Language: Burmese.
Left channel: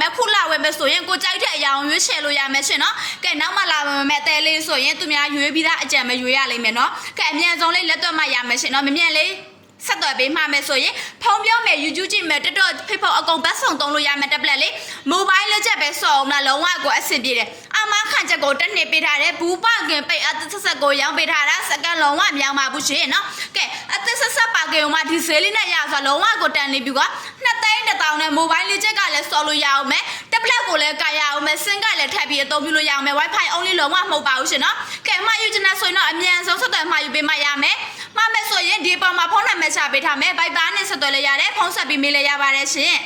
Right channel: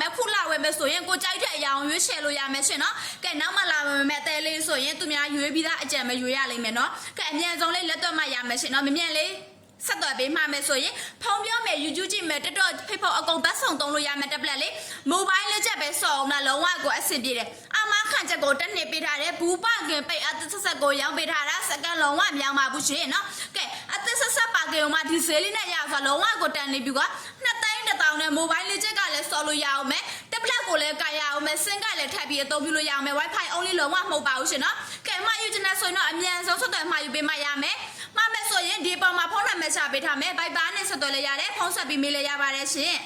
မယ်ခုလာဝယ်မယ်ဆိုရင်ကိုကြိုက်တဲ့အရာကိုရွေးချယ်လို့ရမယ်ရှင်နော်ကဲနောက်မှလာဝယ်မယ်တဲလေးဆိုရင်သူများရွေးပြီးသားအကြံပဲရွေးရလိမ့်မယ်နော်ကဲအမြန်ဆုံးလေးလက်တွက်မှရမယ်ရှင်နော်မမြန်လေးဆက်သွယ်ပေးမှမယ်ဆိုရင်ဖုန်းပြောမယ် YouTube ကြည့်မယ် TikTok Facebook အကုန်ဘတ်ဆောင်သုံးလို့ရမယ် tablet လေး mobile လက်ချက်ပဲစော်အောင်လားလုံးဝကိုအဆင်ပြေတယ်အမခန့်ချက်ကိုတစ်နှစ်ပေးထားတယ်ဘူးပကင်ပိတ်အသက်ဆက်ဆက်ကိုရောင်းပေးထားတာစကန်လုံးဝမြောင်ပါဘူးရှင်နော်ကဲအသက်ဆက်ဆက်ပါကင်မှာဒီဈေးလေးနဲ့ရဆိုလုံးဝကိုတန်နေပြီကွာ2,000နဲ့ mobile လေးချက်ကလည်းစော်လို့ရအောင်မယ် tablet ကိုလည်းကာရအောင်မယ်စင်ကလည်းထပ်ပြီးအသုံးပြုလို့ရအောင်မယ် wifi only လုံးဝမဟုတ်ပါဘူးရှင်နော်ကဲမှာယူချင်တဲ့ဆိုရင်တော့အမြန်ဆုံးဆက်သွယ်မှာယူပေးမှရမယ်မှာမယ်ဆိုရင်ဒီပေါ်မှာဖုန်းနံပါတ်ချပေးထားမယ် Viber နဲ့ဆက်သွယ်လို့ရတယ်ဖုန်းဆက်ပြီးမေးလည်းရပါတယ်ရှင်